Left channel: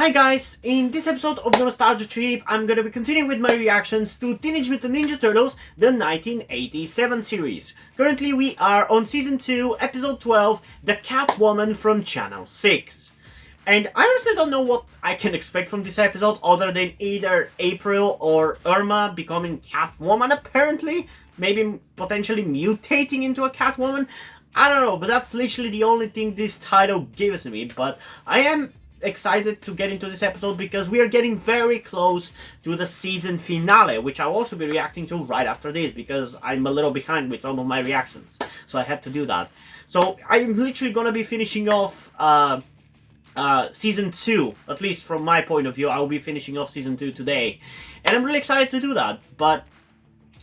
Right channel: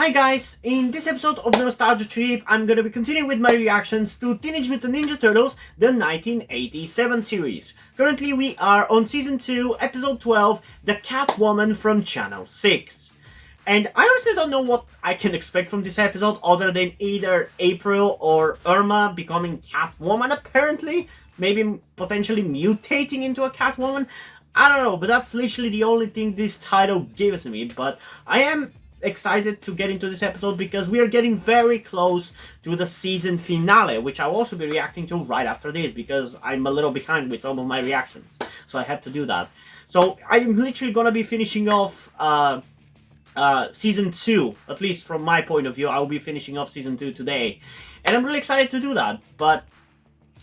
Hi guys, in this episode of the Nostalgia Trip, I'm gonna be continuing with my reactions to Teenage Mutant Ninja Turtles, the 1987 series. Currently we are on Season 2, Episode 12, The Catwoman from Channel 6. And I honestly don't know what I can expect from this episode other than either April or Irma becoming Catwoman apparently. Maybe potentially mutating into a Catwoman. I don't know, but that's literally the only thing this title gives me. But I am excited to get into this episode because we are getting very close to the season finale, which I'll also be reacting to right after this because I'm a little behind with some of my reactions, so I had to do that. So I'm literally gonna be finishing off season 2, at least from my point of view. I'll be finishing off season 2 today, and I'm really excited to do that. But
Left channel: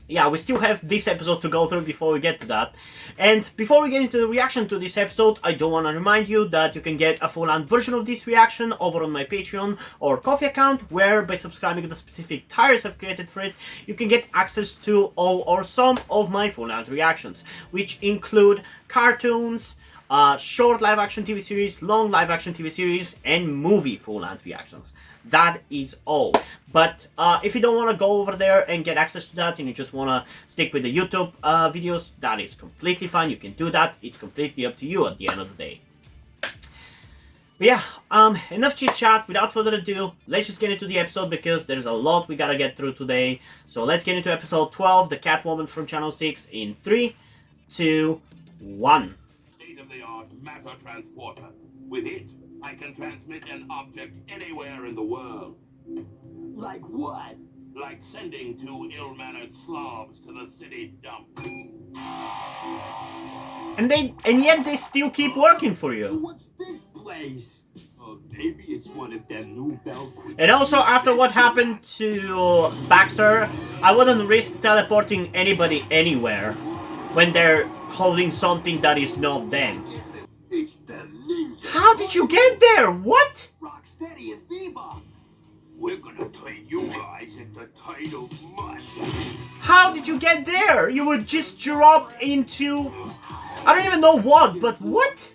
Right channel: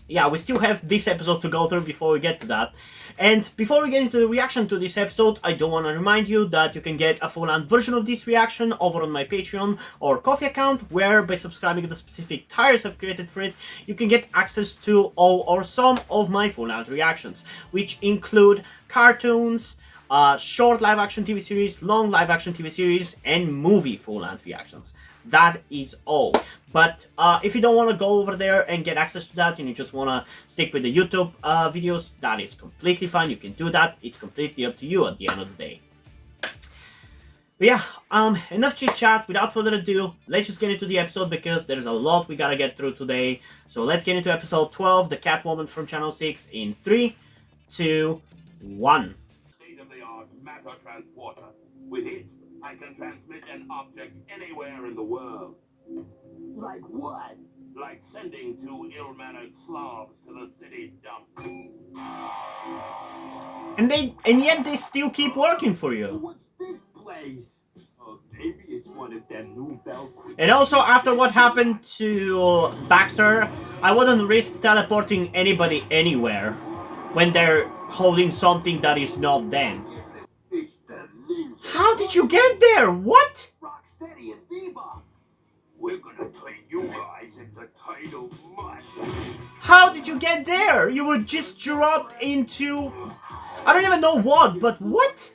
yeah, we still have this episode to go through before we get to that. And before we get into the reaction to this episode, I do want to remind you that you can get a full-length version of this reaction over on my Patreon or Ko-fi account, where by subscribing to the specific tiers I've created for it, you can get access to all or some of my full-length reactions, which include cartoons, short live-action TV series, long live-action TV series, and movie full-length reactions. That is all. But if you don't want to go over there and get access to that and you just want to stick with the YouTube videos, that is completely fine. You can do that. It's completely up to you at the end of the day. But yeah, enough chit chat. Without further ado, let's just get into the episode because there's a lot we gotta get through today. So let's get into episode 12, The Catwoman from Channel 6 in 3, 2, 1. State-of-the-art matter transporter. With it, I can transmit an object anywhere in the world. Like what? Like sending two ill-mannered slobs to the city dump. And yet they still keep working for you. What's this place? Oh, maybe it's one of them new bell. And also, after what happened to Baxter, I wouldn't risk teleporting anybody anywhere when they're holding something that is not them. It's the ninja. How did you get there? What? Rocksteady and Bebop. We're gonna turn you guys into tidal mush. How did you get there? You were just dropped into... I don't even know what, but what?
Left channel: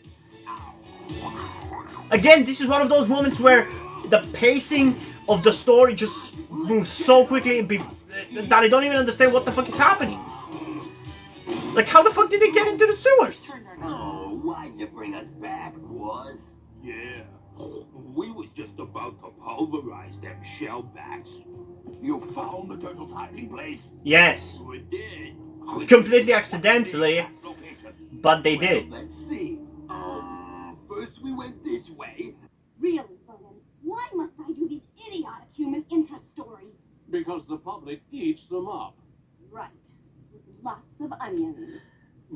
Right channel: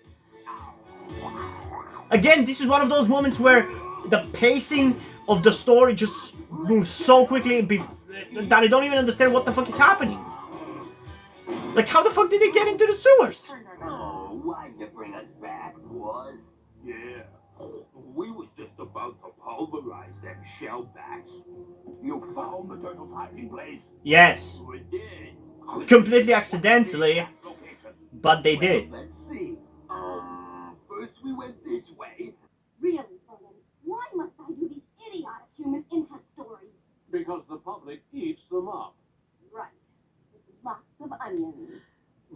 Again, this is one of those moments where the pacing of the story just moves so quickly that I don't even understand what the fuck is happening. Like, how the fuck did they get into the sewers? Oh, why'd you bring us back, was? Yeah. We was just about to pulverize them shellbacks. You found the turtle's hiding place? Yes. We did. Completely accidentally, Location. but they did. Let's see. First we went this way. Really, Vernon, why must I do these idiotic human interest stories? Because the public eats them up. Right, with lots of onions.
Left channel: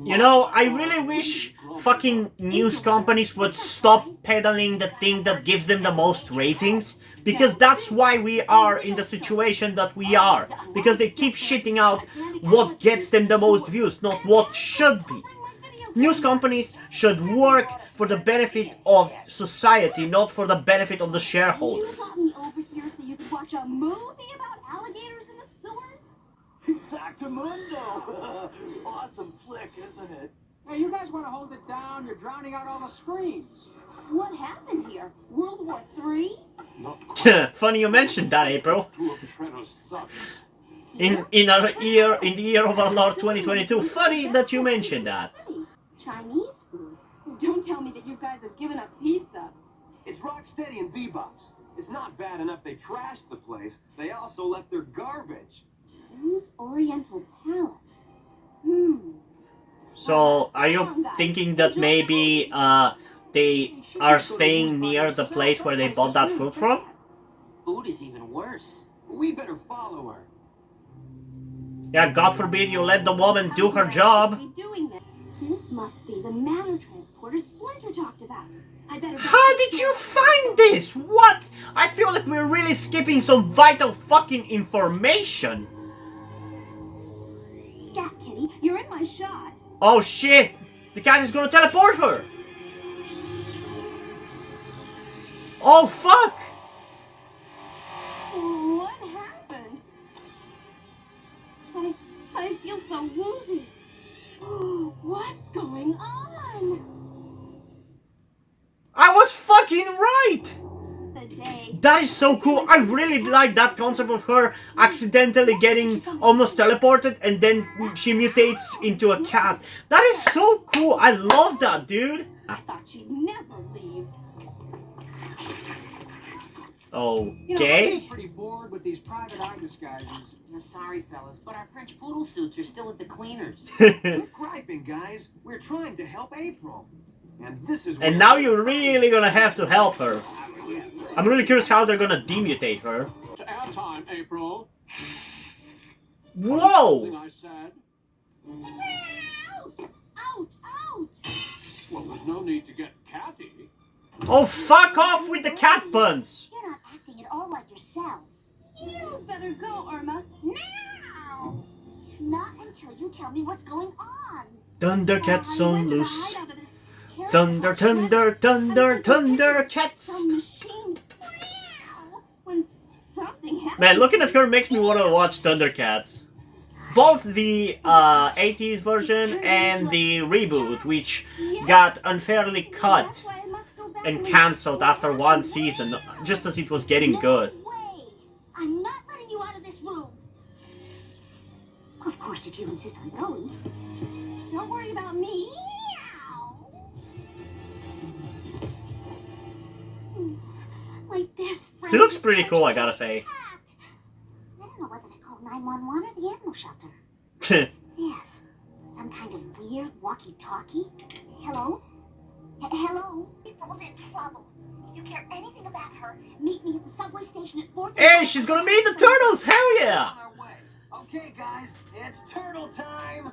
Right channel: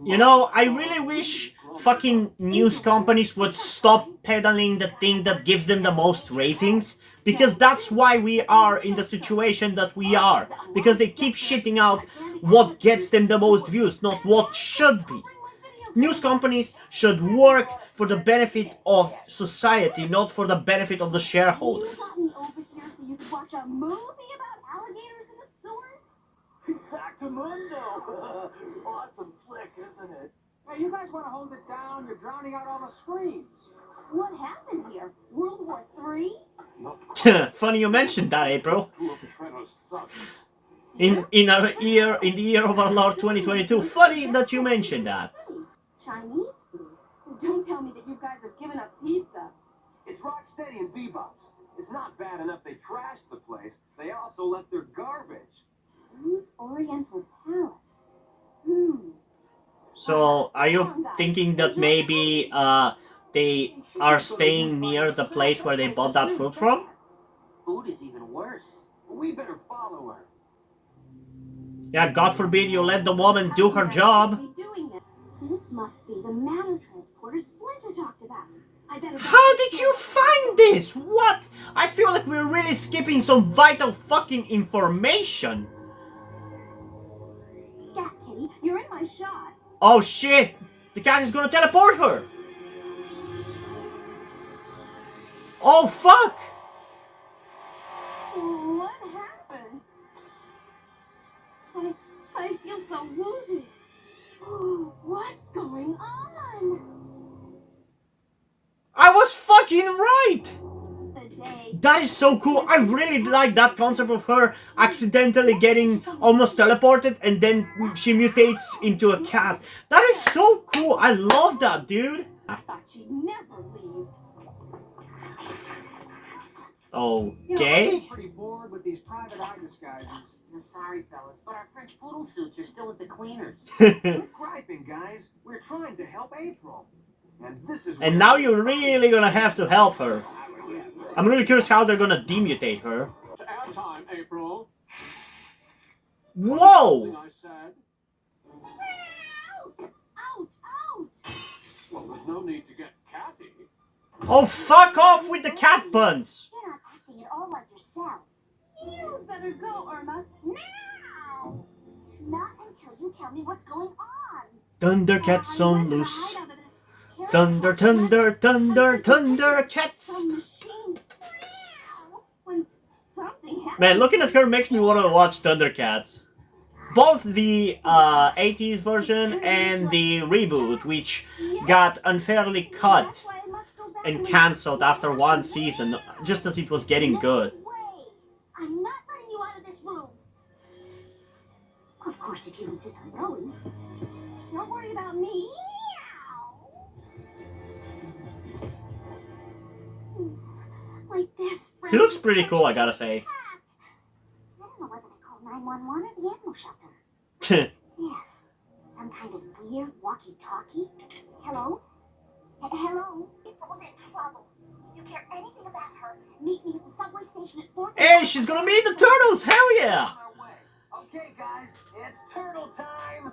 You know, I really wish fucking news companies would stop peddling the thing that gives them the most ratings. Because that's why we are in the situation that we are. Because they keep shitting out what gets them the most views, not what should be. News companies should work for the benefit of society, not for the benefit of the shareholders. You got me over here so you could watch a movie about alligators in the sewers? Exactamundo. Awesome flick, isn't it? Hey, you guys want to hold it down? You're drowning out all the screams. What happened here? World War III? Funny you mentioned that, April. Two of Shredder's thugs. In the year of our Lord 2022. Funny that you mentioned that. Chinese food? Don't tell me that you guys have given up pizza. It's Rocksteady and Bebop's. It's not bad enough they trashed the place. They also left their garbage. Who's Oriental Palace? So, are you thinking that maybe they are staying near the place where they bought that food from? Food is even worse. We better follow her. Yeah, God forbid you let the woman do her job. This must be the matter transporter Splinter talked about. I better. How did you find this? What? I feel like we're really skipping some vital fucking information. Scat Kitty, you're in my shot. Oh shit! The cat is gonna teleport her! Oh fuck! What happened? I feel so woozy. What's going on? I was fucking right! The day That is so cool. I really like that concept of her accidentally getting almost teleported and then she mutates into a cat. That is so cool. I love that, dude. I thought she'd never leave. Okay. I'm pretty bored with these private eye disguises. Sorry, fellas, but our French poodle suits are still at the cleaners. Quit griping, guys. We're trying to help April. And this is And now you're really gonna have to help her. I'm really curious how they're gonna demutate her. To our time, April. Whoa! Something I said. Out! Out! Out! Well, there's no need to get catty. Oh, fuck off with the cat puns! You're not acting at all like yourself. You better go, Irma. Now! Not until you tell me what's going on. Thundercats I'm on going to loose. hide under this Thunder, thunder, thunder, thunder, cats! Some machine. Wow! When something happens. Man, looking at her makes me want to watch Thundercats. Both the 80s version and the reboot, which got unfairly cut That's why I must go back and and cancelled after one season, just as it was getting good. No way. I'm not letting you out of this room. Of course, if you insist on going. Don't worry about me. Like this. He looks pretty cool, I gotta say. I don't know whether to call 911 or the animal shelter. Yes. Some kind of weird walkie-talkie. Hello? Hello? April's in trouble. If you care anything about her, meet me at the subway station at 4:30. Hey, she's gonna meet the turtles! Hell yeah! on our way. Okay, guys, it's turtle time.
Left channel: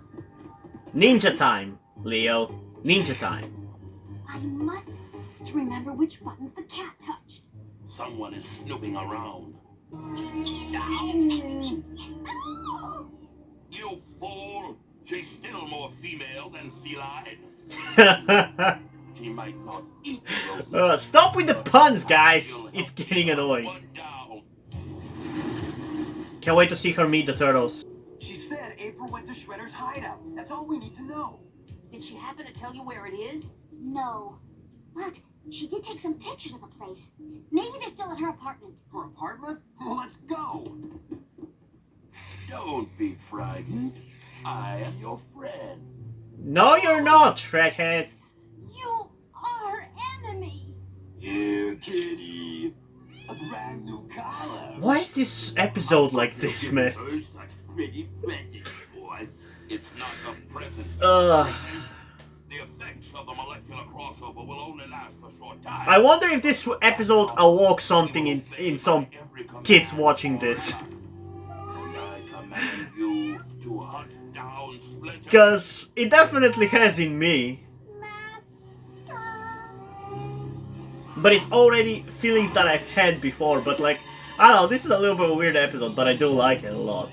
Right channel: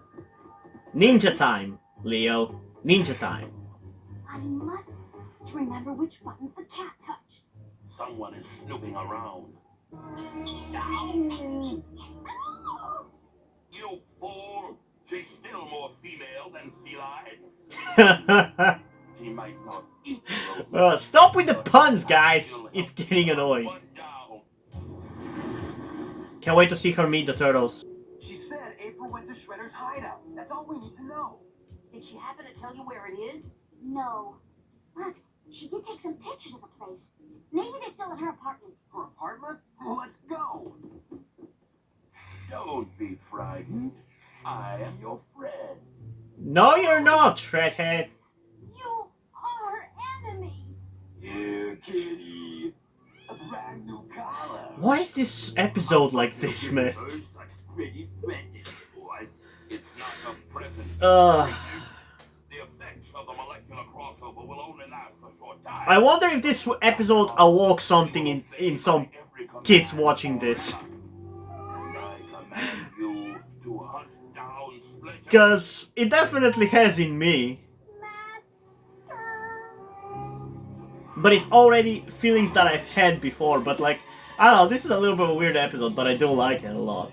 Ninja time, Leo. Ninja time. I must remember which buttons the cat touched. Someone is snooping around. You fool! She's still more female than feline. She might not eat you. Stop with the puns, guys. It's getting annoying. One down. Can't wait to see her meet the turtles. She said April went to Shredder's hideout. That's all we need to know. Did she happen to tell you where it is? No. But she did take some pictures of the place. Maybe they're still at her apartment. Her apartment? Let's go. Don't be frightened. I am your friend. No, you're not, Shredhead. You are enemy. Here, kitty. A brand new collar. Why is this episode like this, man? First, a pretty fetish, boy. It's not a present. The effects of the molecular crossover will only last a short time. I wonder if this episode awoke something in some kids watching this. I command you to hunt down Splinter. Because it definitely has in me. Master. But it's already feelings that I've had before. But like, I don't know, this is a little bit of a weird episode, but I do like it a lot.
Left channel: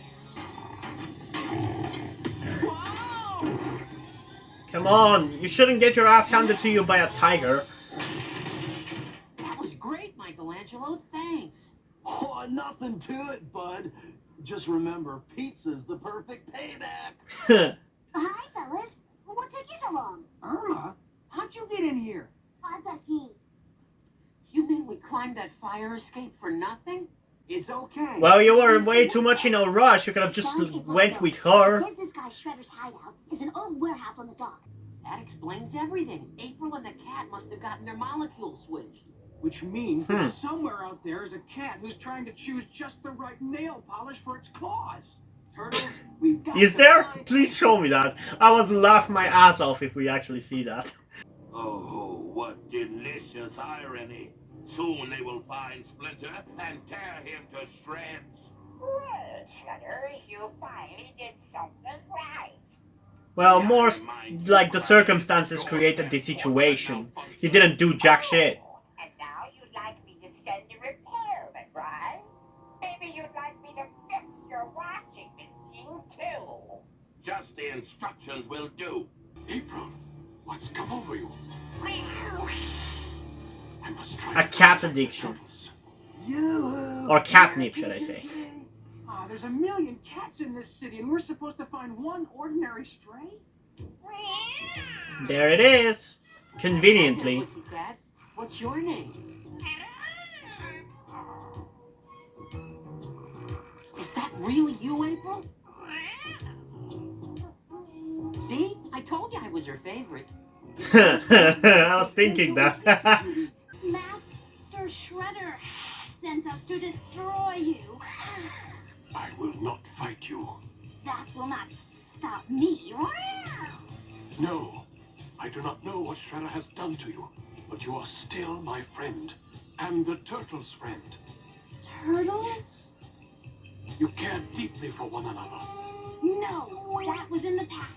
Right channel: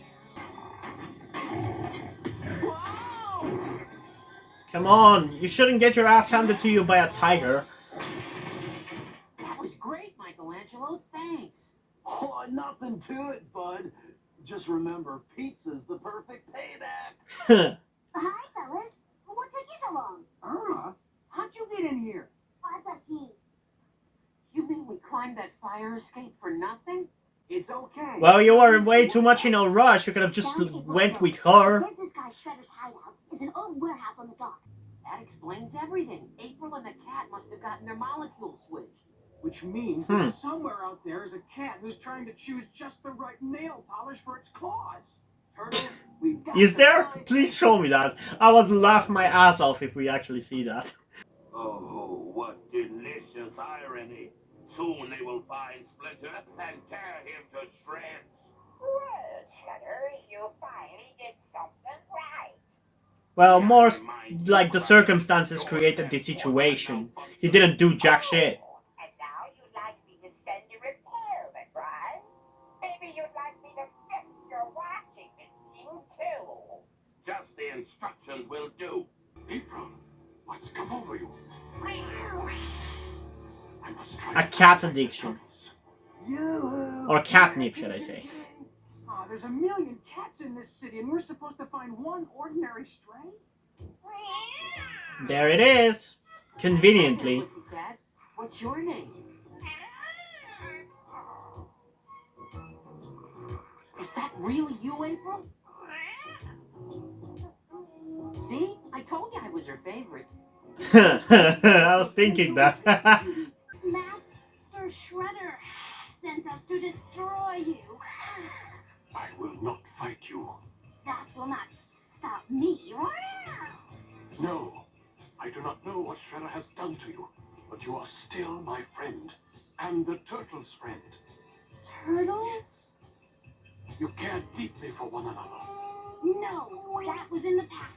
Come on, you shouldn't get your ass handed to you by a tiger. That was great, Michelangelo. Thanks. Oh, nothing to it, bud. Just remember, pizza's the perfect payback. Hi, fellas. What took you so long? Irma, how'd you get in here? I've got key. You mean we climbed that fire escape for nothing? It's okay. Well, you were way too much in a rush. You could have just went with her. The business guy Shredder's hideout is an old warehouse on the dock. That explains everything. April and the cat must have gotten their molecules switched. Which means that somewhere out there is a cat who's trying to choose just the right nail polish for its claws. Turtles, we've got Is to there? find- Please show me that. I would laugh my ass off if we actually see that. Oh, what delicious irony. Soon they will find Splinter and tear him to shreds. Well, Shredder, you finally did something right. Well, more like the circumstances created the situation. He didn't do jack shit. And now you'd like me to send you repairman, right? Maybe you'd like me to fix your washing machine, too. Just the instructions will do. April, what's come over you? I must try A cat addiction. You. Or catnip, should I say. Ah, there's a million cats in this city, and we're supposed to find one ordinary stray? There it is. Conveniently. Pussycat, what's your name? Really you, April? See? I told you I was her favorite. I was thinking that. Master Shredder sent us to destroy you. I will not fight you. That will not stop me. No, I do not know what Shredder has done to you, but you are still my friend, and the Turtles' friend. Turtles? You care deeply for one another. No, that was in the past.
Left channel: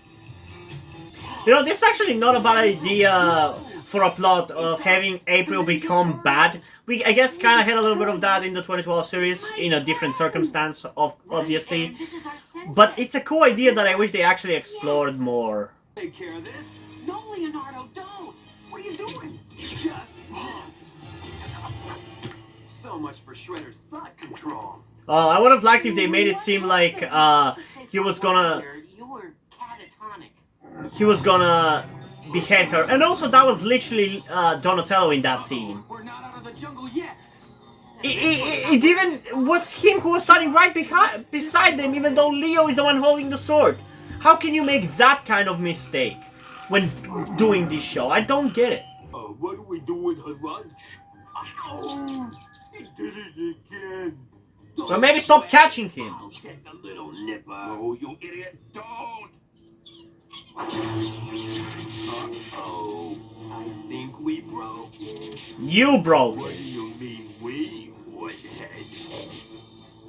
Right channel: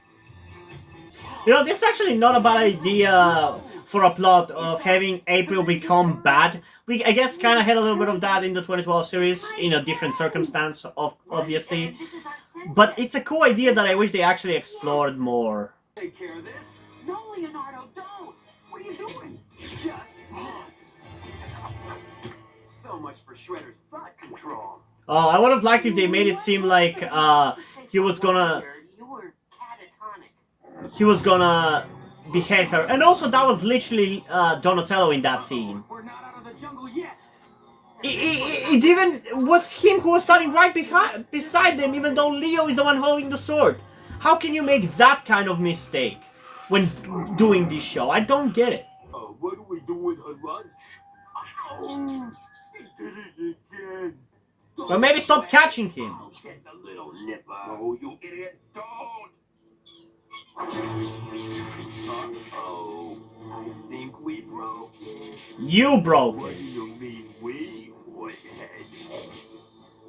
You know, this is actually not a bad idea for a plot of having April become bad. We, I guess, kind of had a little bit of that in the 2012 series, in a different circumstance, obviously. And this is our sensei. But it's a cool idea that I wish they actually explored more. Take care of this. No, Leonardo, don't! What are you doing? Just pause. So much for Shredder's thought control. I would have liked if they made it seem like Just say he was for one gonna year, you were catatonic. he was gonna behead her, and also that was literally Donatello in that scene. We're not out of the jungle yet. It even was him who was standing right beside them, even though Leo is the one holding the sword. How can you make that kind of mistake when doing this show? I don't get it. What do we do with her lunch? Ow! He did it again. But maybe stop catching him. Get the little nipper. Oh, you idiot. Don't. Uh-oh. I think we broke it. You broke What it. do you mean we, woodhead?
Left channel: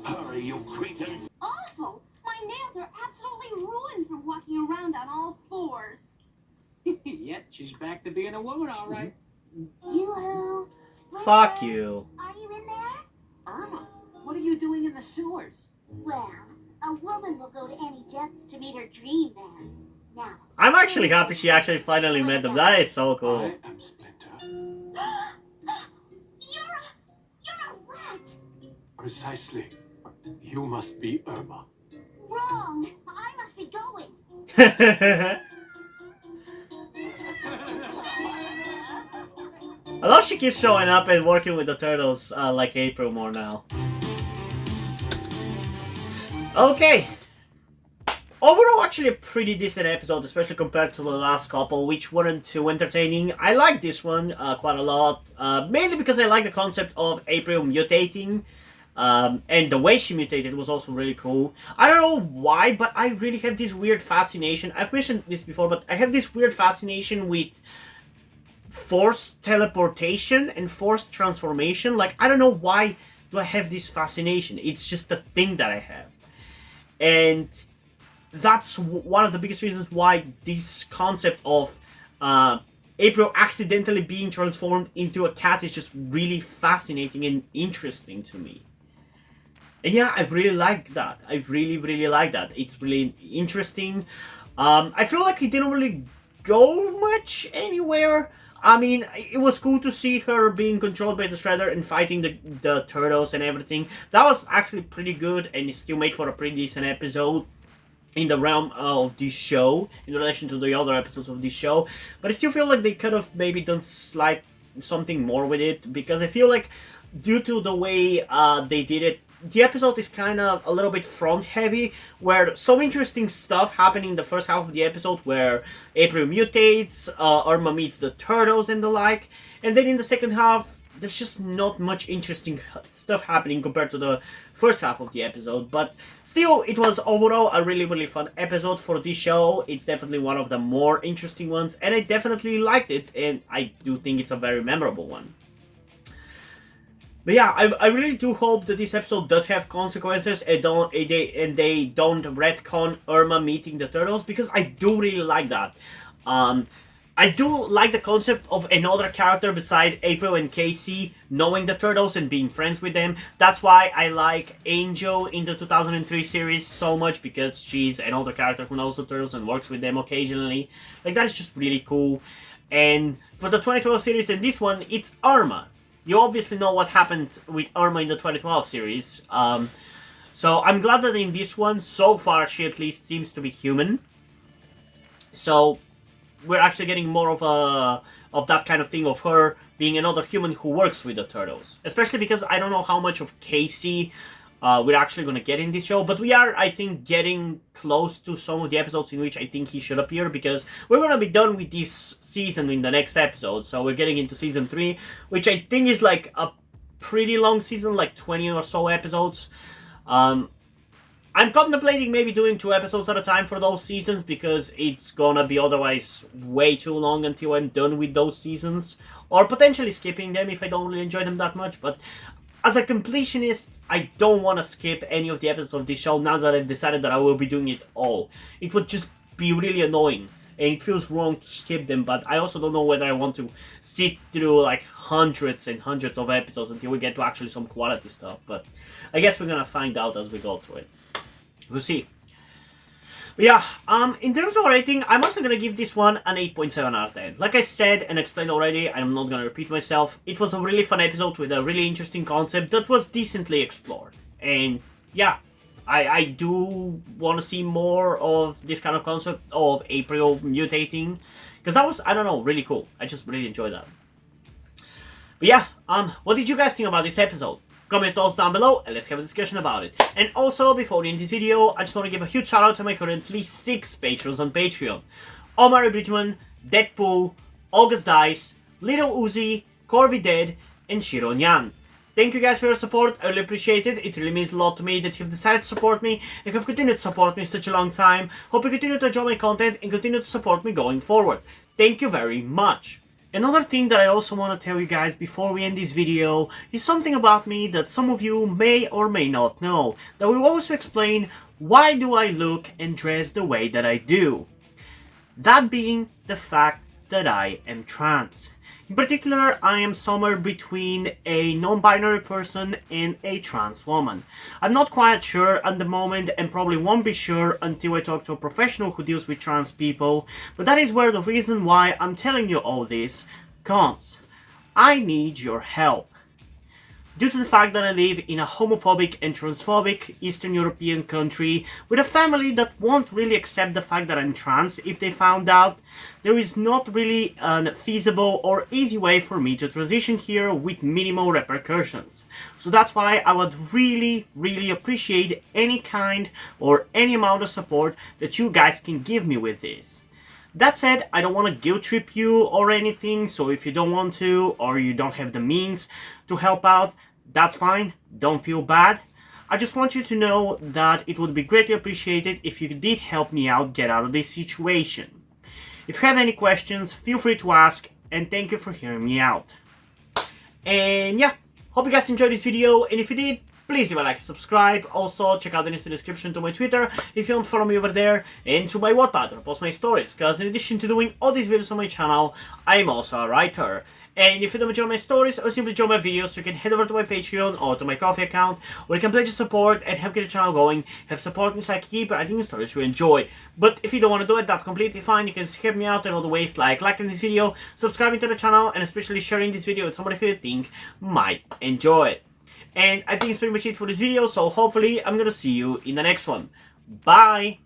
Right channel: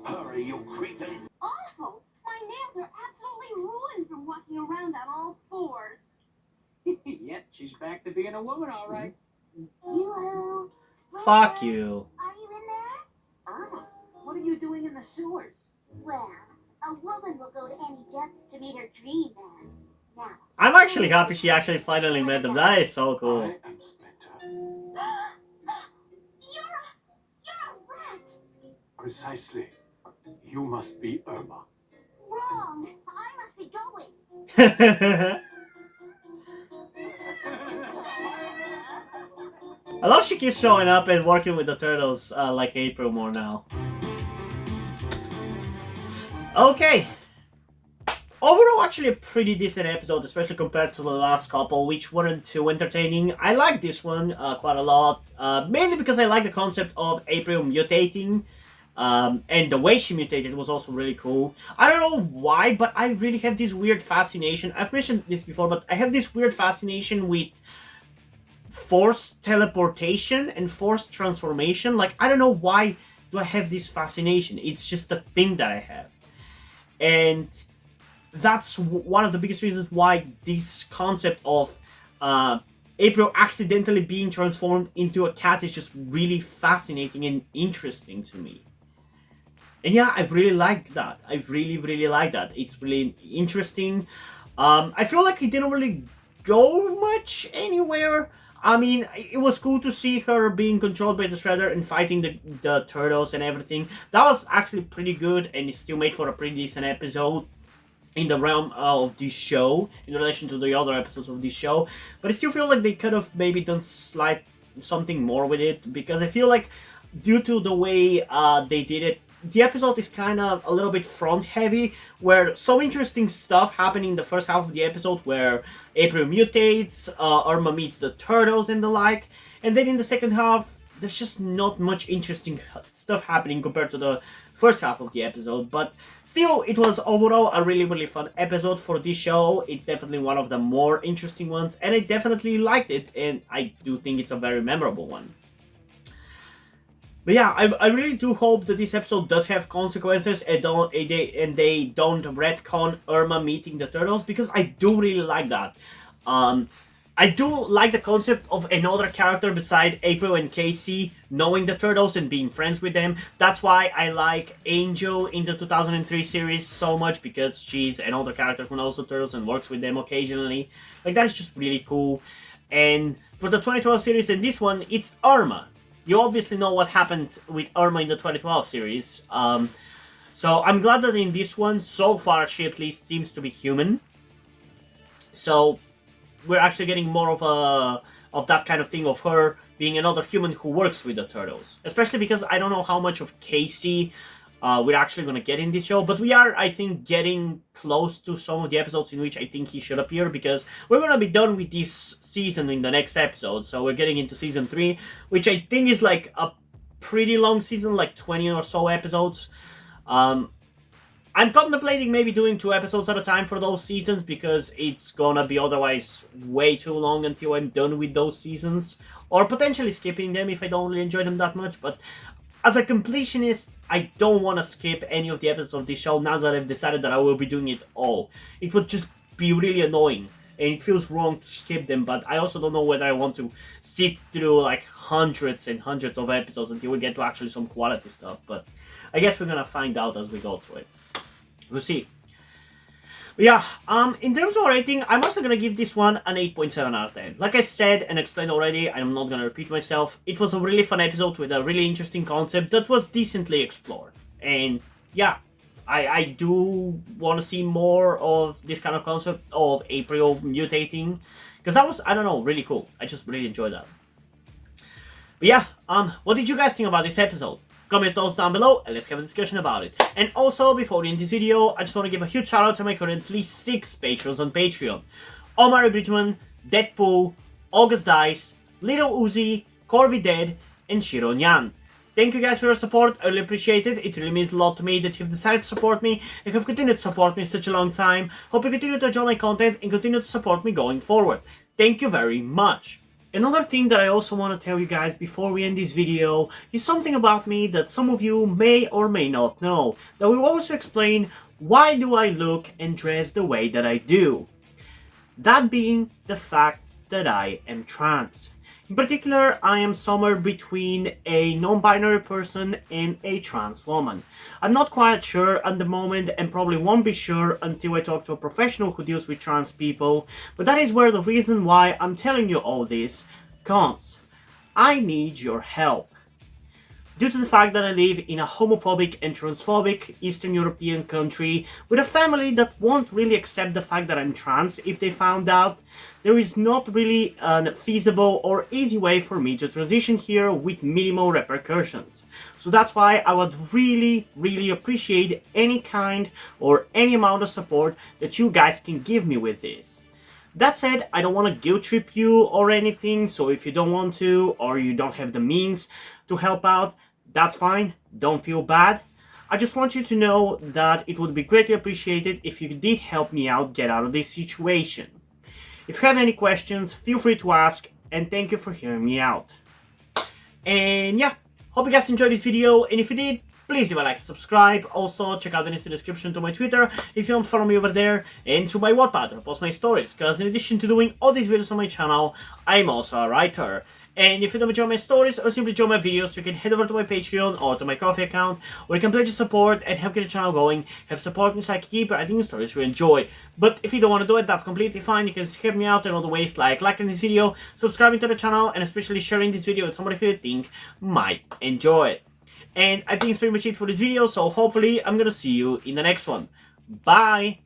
Hurry, you cretin. Awful! My nails are absolutely ruined from walking around on all fours. Yet she's back to being a woman, all right. Yoo-hoo! Fuck you. Are you in there? Irma, what are you doing in the sewers? Well, a woman will go to any depths to meet her dream man. Now, I'm actually happy she actually finally met them. That is so cool. I am Splinter. you're a rat! Precisely. You must be Irma. Wrong! I must be going. I love she keeps showing up and working with the turtles like April more now. Okay. Overall, actually a pretty decent episode, especially compared to the last couple, which weren't too entertaining. I like this one quite a lot, mainly because I like the concept of April mutating, and the way she mutated was also really cool. I don't know why, but I really have this weird fascination. I've mentioned this before, but I have this weird fascination with forced teleportation and forced transformation. Like, I don't know why do I have this fascination. It's just a thing that I have. And that's one of the biggest reasons why this concept of April accidentally being transformed into a cat is just really fascinating and interesting to me. And yeah, I really like that. I really, really like that. It's really interesting. I feel like it didn't really go much anywhere. I mean, it was cool to see her being controlled by the Shredder and fighting the turtles and everything. That was actually pretty good, and it still made for a pretty decent episode in the realm of this show, in relation to the other episodes of this show. But I still feel like they could have maybe done something more with it, because I feel like due to the way they did it, the episode is kind of a little bit front heavy, where some interesting stuff happened in the first half of the episode where April mutates, Irma meets the turtles and the like, and then in the second half there's just not much interesting stuff happening compared to the first half of the episode. But still, it was overall a really, really fun episode for this show. It's definitely one of the more interesting ones, and I definitely liked it, and I do think it's a very memorable one. But yeah, I really do hope that this episode does have consequences and they don't retcon Irma meeting the turtles, because I do really like that. I do like the concept of another character beside April and Casey knowing the turtles and being friends with them. That's why I like Angel in the 2003 series so much, because she's another character who knows the turtles and works with them occasionally. Like, that is just really cool. And for the 2012 series and this one, it's Irma. You obviously know what happened with Irma in the 2012 series. So I'm glad that in this one, so far, she at least seems to be human. So we're actually getting more of that kind of thing, of her being another human who works with the turtles. Especially because I don't know how much of Casey we're actually going to get in this show. But we are, I think, getting close to some of the episodes in which I think he should appear, because we're going to be done with this season in the next episode. So we're getting into season 3, which I think is like a pretty long season, like 20 or so episodes. I'm contemplating maybe doing 2 episodes at a time for those seasons, because it's gonna be otherwise way too long until I'm done with those seasons, or potentially skipping them if I don't really enjoy them that much. But as a completionist, I don't want to skip any of the episodes of this show now that I've decided that I will be doing it all. It would just be really annoying, and it feels wrong to skip them, but I also don't know whether I want to sit through like hundreds and hundreds of episodes until we get to actually some quality stuff. But I guess we're gonna find out as we go through it. We'll see. But yeah, in terms of rating, I'm also gonna give this one an 8.7 out of 10. Like I said and explained already, I'm not gonna repeat myself. It was a really fun episode with a really interesting concept that was decently explored. And yeah, I do want to see more of this kind of concept of April mutating, because that was, I don't know, really cool. I just really enjoyed that. But yeah, what did you guys think about this episode? Comment your thoughts down below and let's have a discussion about it. And also, before we end this video, I just want to give a huge shout out to my currently 6 patrons on Patreon. Omar Bridgman, Deadpool, August Dice, Little Uzi, Corby Dead, and Shiro Nyan. Thank you guys for your support, I really appreciate it. It really means a lot to me that you've decided to support me and have continued to support me such a long time. Hope you continue to enjoy my content and continue to support me going forward. Thank you very much. Another thing that I also want to tell you guys before we end this video is something about me that some of you may or may not know, that will also explain why do I look and dress the way that I do. That being the fact that I am trans. In particular, I am somewhere between a non-binary person and a trans woman. I'm not quite sure at the moment and probably won't be sure until I talk to a professional who deals with trans people, but that is where the reason why I'm telling you all this comes. I need your help. Due to the fact that I live in a homophobic and transphobic Eastern European country with a family that won't really accept the fact that I'm trans if they found out, there is not really a feasible or easy way for me to transition here with minimal repercussions. So that's why I would really appreciate any kind or any amount of support that you guys can give me with this. That said, I don't want to guilt trip you or anything, so if you don't want to or you don't have the means to help out, that's fine, don't feel bad. I just want you to know that it would be greatly appreciated if you did help me out get out of this situation. If you have any questions, feel free to ask, and thank you for hearing me out. And yeah, hope you guys enjoyed this video, and if you did, please leave a like and subscribe. Also, check out the links in the description to my Twitter if you don't follow me over there, and to my Wattpad where I post my stories, because in addition to doing all these videos on my channel, I am also a writer. And if you don't enjoy my stories or simply enjoy my videos, you can head over to my Patreon or to my Ko-fi account, where you can pledge your support and help get the channel going, help support me so I keep writing stories you enjoy. But if you don't want to do it, that's completely fine. You can help me out in other ways, like liking this video, subscribing to the channel, and especially sharing this video with somebody who you think might enjoy it. And I think it's pretty much it for this video, so hopefully I'm gonna see you in the next one. Bye!